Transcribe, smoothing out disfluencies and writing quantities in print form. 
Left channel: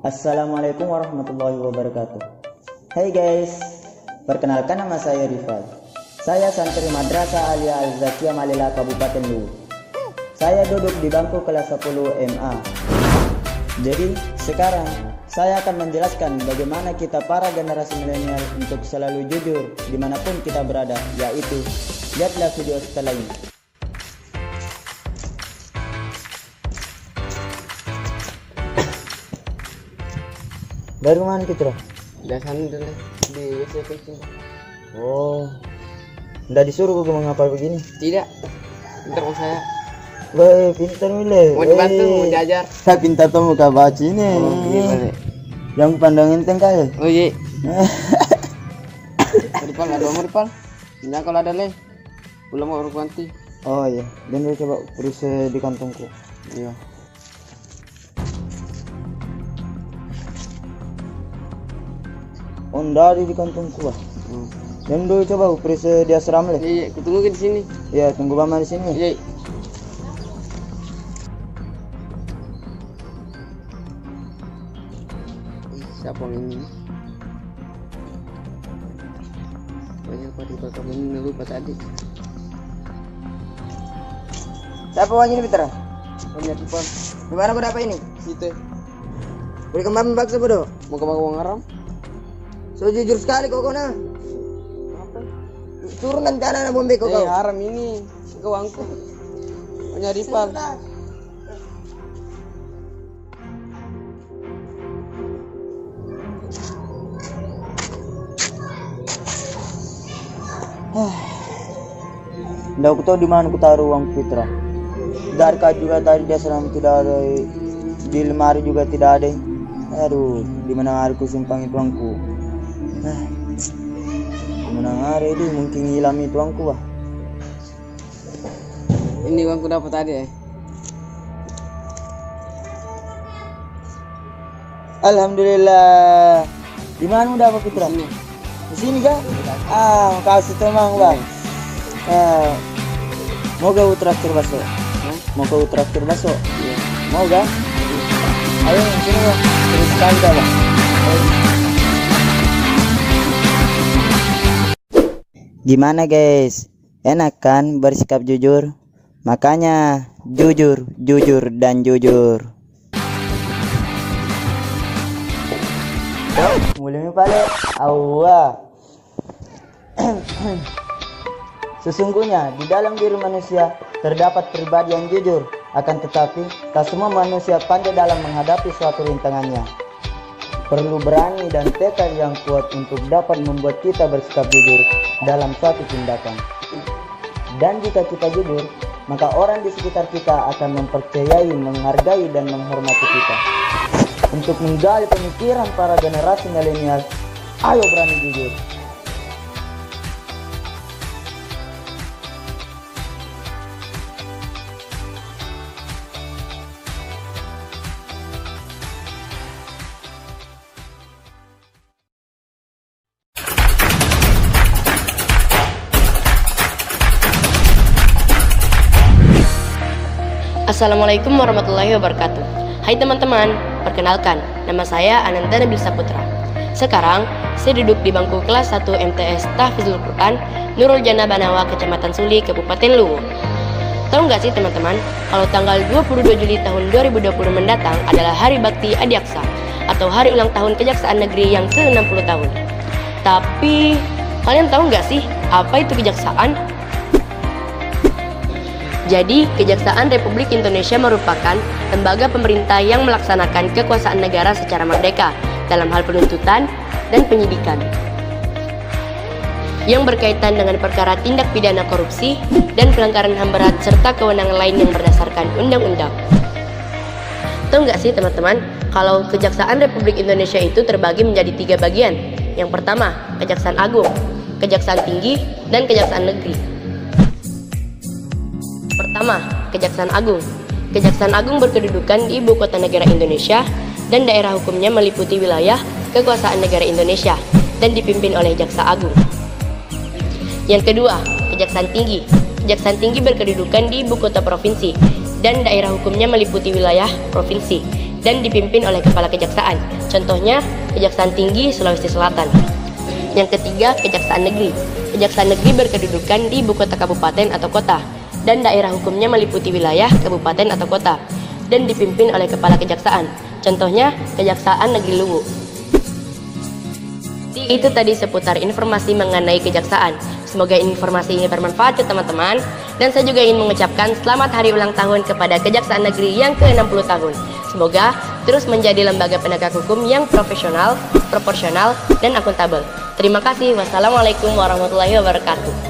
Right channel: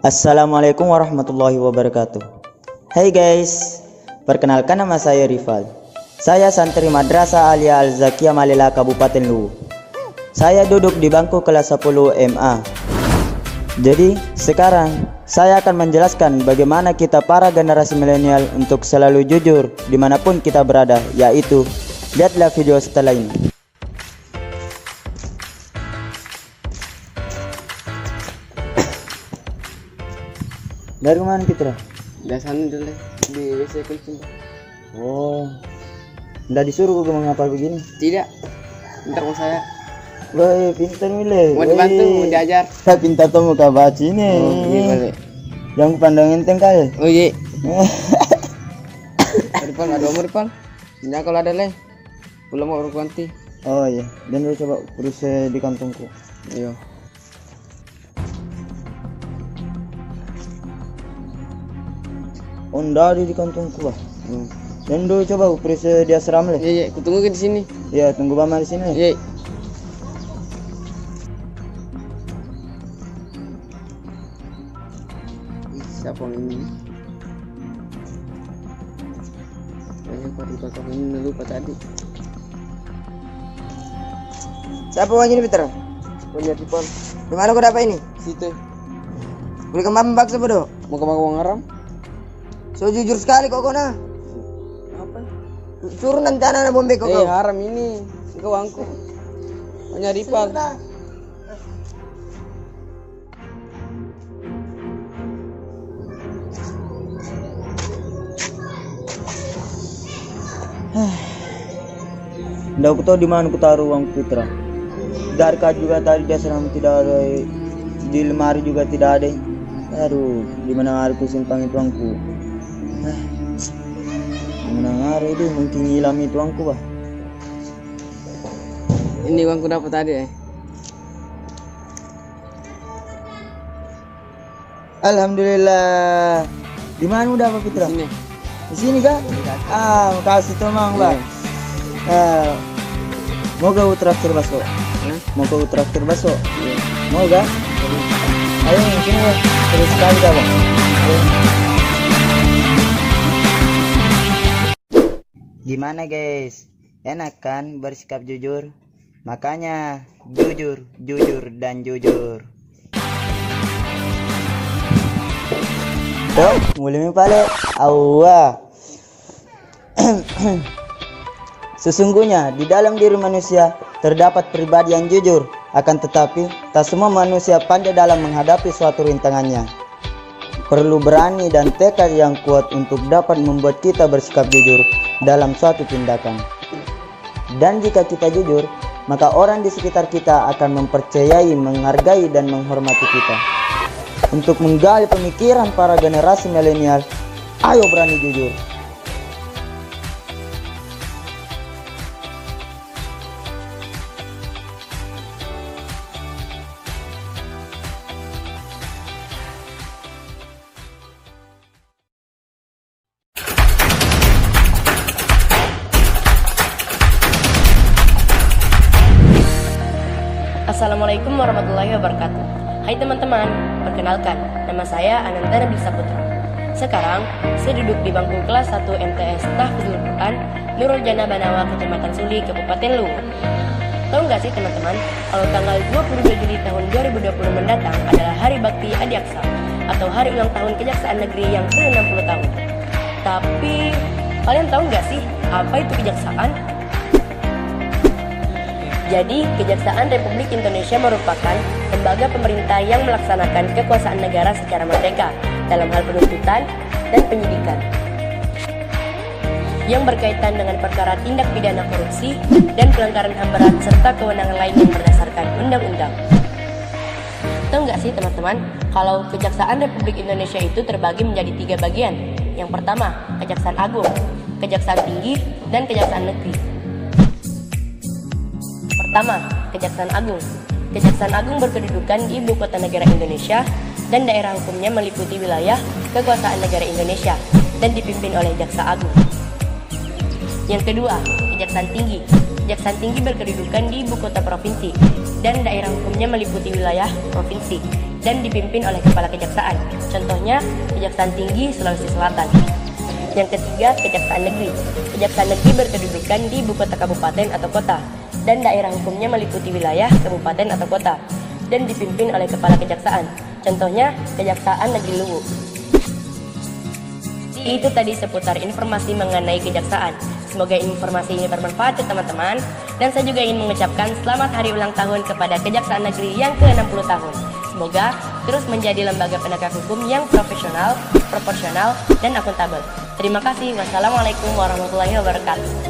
Assalamualaikum warahmatullahi wabarakatuh. Hai guys, perkenalkan nama saya Rival. Saya santri Madrasah Alia Al-Zakiyah Malela Kabupaten Luwu. Saya duduk di bangku kelas 10 MA. Jadi sekarang saya akan menjelaskan bagaimana kita para generasi milenial untuk selalu jujur dimanapun kita berada, yaitu lihatlah video setelah ini. Dari mana Fitra? Dari sana dulu di WC kucing. Oh, nggak disuruh gue mengapa begini? Tidak, ntar sama saya. Wah, pintar milih. Mau dibantu, mau diajar. Kak pintar temu kak baca ini. Iya balik. Yang pandangin tengkah ya? Oh iya. Depan ada umur depan. Ya kalau ada leh. Belum mau urut ganti. Oh iya, dan dia coba terus di kantongku. Iya. Oh, nggak ada di kantongku lah. Dan dulu coba periksa di asrama lah. Iya, iya, aku tunggu di sini. Ya, tunggu mama di sini. Iya. Siapa ini? Kotak ini lupa tadi. Siapa orang ini Fitra? Lihat di pon. Di mana kau dapat ini? Situ. Beri kembali paksa bodoh. Mau ke Bang Ngaram? So jujur sekali kok nah. Suruh nanti anak-anak bombe kok. Haram ini. Kau angkut. Hanya Ripal. Nggak aku tahu di mana aku taruh uang Fitra. Darka juga tadi di asrama tidak ada, di lemari juga tidak ada. Aduh, di mana hari ku simpan itu uangku? Di mana hari itu mungkin hilang itu uangku bah. Ini uangku dapat tadi ya. Alhamdulillah. Di mana udah apa Fitra? Ini. Di sini kah? Makasih teman bang. Mau kau traktir bakso? Mau kau traktir bakso? Iya. Mau kah? Ayo sini ya. Terus sekali dah bang. Gimana guys? Enak kan bersikap jujur? Makanya jujur, jujur dan jujur. Tuh, mulai pale. Awah. Sesungguhnya di dalam diri manusia terdapat pribadi yang jujur, akan tetapi tak semua manusia pandai dalam menghadapi suatu rintangannya. Perlu berani dan tekad yang kuat untuk dapat membuat kita bersikap jujur dalam suatu tindakan. Dan jika kita jujur, maka orang di sekitar kita akan mempercayai, menghargai dan menghormati kita. Untuk menggali pemikiran para generasi milenial, ayo berani jujur. Assalamualaikum warahmatullahi wabarakatuh. Hai teman-teman, perkenalkan, nama saya Ananta Nabil Saputra. Sekarang, saya duduk di bangku kelas 1 MTS Tahfizul Quran Nurul Jannah Banawa, Kecamatan Suli, Kabupaten Luwu. Tahu nggak sih teman-teman, kalau tanggal 22 Juli tahun 2020 mendatang adalah Hari Bakti Adiaksa atau Hari Ulang Tahun Kejaksaan Negeri yang ke-60 tahun. Tapi, kalian tahu nggak sih apa itu kejaksaan? Jadi, Kejaksaan Republik Indonesia merupakan lembaga pemerintah yang melaksanakan kekuasaan negara secara merdeka dalam hal penuntutan dan penyidikan yang berkaitan dengan perkara tindak pidana korupsi dan pelanggaran HAM berat serta kewenangan lain yang berdasarkan undang-undang. Tahu nggak sih teman-teman, kalau Kejaksaan Republik Indonesia itu terbagi menjadi 3 bagian. Yang pertama, Kejaksaan Agung, Kejaksaan Tinggi, dan Kejaksaan Negeri. Pertama, Kejaksaan Agung. Kejaksaan Agung berkedudukan di Ibu Kota Negara Indonesia dan daerah hukumnya meliputi wilayah kekuasaan negara Indonesia dan dipimpin oleh Jaksa Agung. Yang kedua, Kejaksaan Tinggi. Kejaksaan Tinggi berkedudukan di Ibu Kota Provinsi dan daerah hukumnya meliputi wilayah provinsi dan dipimpin oleh Kepala Kejaksaan. Contohnya, Kejaksaan Tinggi Sulawesi Selatan. Yang ketiga, Kejaksaan Negeri. Kejaksaan Negeri berkedudukan di ibu kota kabupaten atau kota, dan daerah hukumnya meliputi wilayah kabupaten atau kota, dan dipimpin oleh Kepala Kejaksaan. Contohnya, Kejaksaan Negeri Luwu. Itu tadi seputar informasi mengenai kejaksaan. Semoga informasi ini bermanfaat ya teman-teman. Dan saya juga ingin mengucapkan selamat hari ulang tahun kepada Kejaksaan Negeri yang ke-60 tahun. Semoga terus menjadi lembaga penegak hukum yang profesional, proporsional, dan akuntabel. Terima kasih. Wassalamualaikum warahmatullahi wabarakatuh.